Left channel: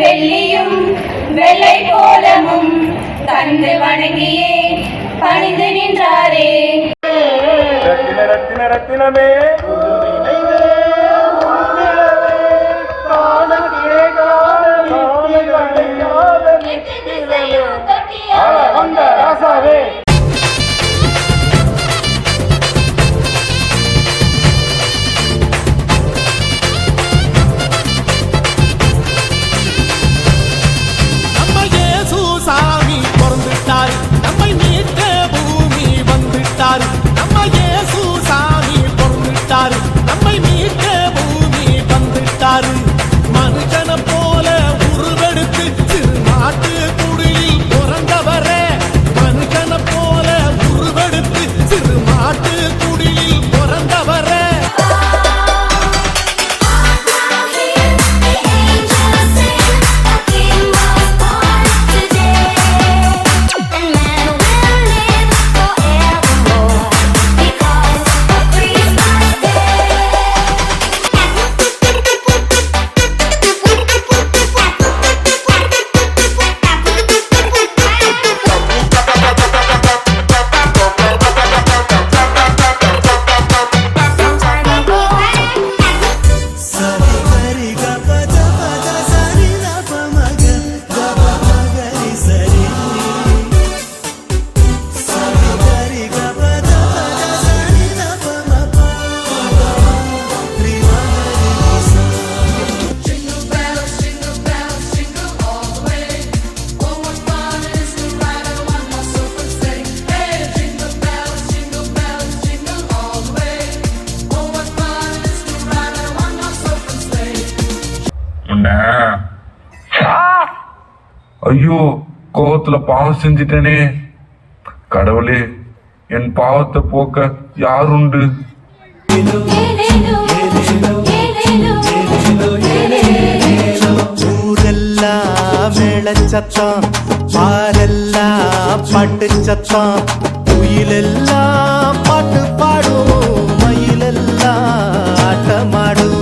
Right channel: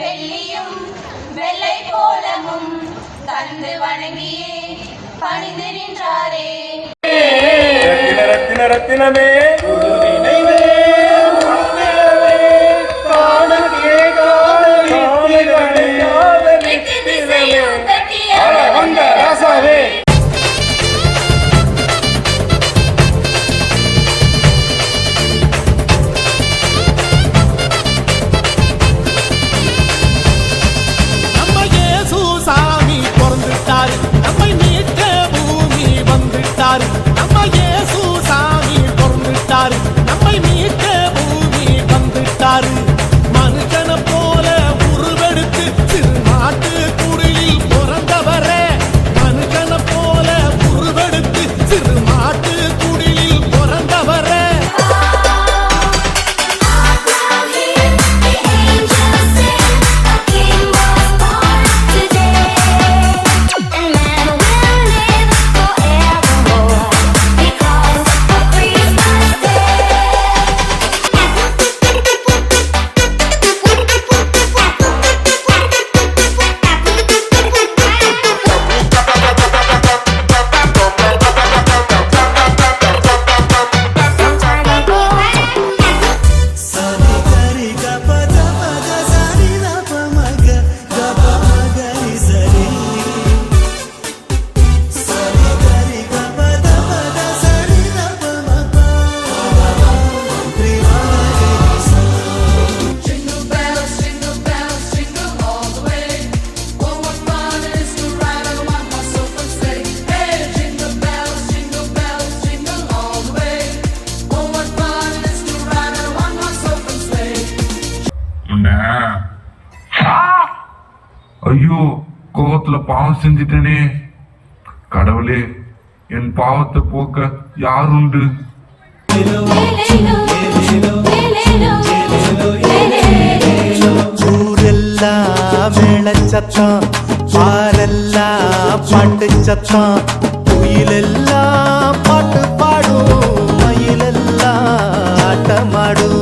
வெள்ளியும் வெள்ளை கோலமும் தந்து வணங்கியே பணிந்து நின்றாரே. ரத்தின ரத்தினமே நம்மை மீட்க பூமி வந்துட்டாரு. நம்ம இயேசு சாமி பிறந்துட்டாரு. நம்மை மீட்க பூமி வந்துட்டாரு. மனுஷனை போல உருவெடுத்து சிறு நாட்டு குடிலில் பிறந்தவரே. மனுஷனை போல உருவெடுத்து சிறு நாட்டு குடிலில் பிறந்தவரே. ஐயோ, கோவத்துல பாவம் செஞ்சிட்டனே. கடவுளே, என் பாவத்தை போக்க யாருண்டு? ஊரெல்லாம் மேளச்சத்தம், பாரெல்லாம் பாட்டு சத்தம், குயிலெல்லாம் பாட்டு பாடும், மயிலெல்லாம் ஆட்டமாடும்.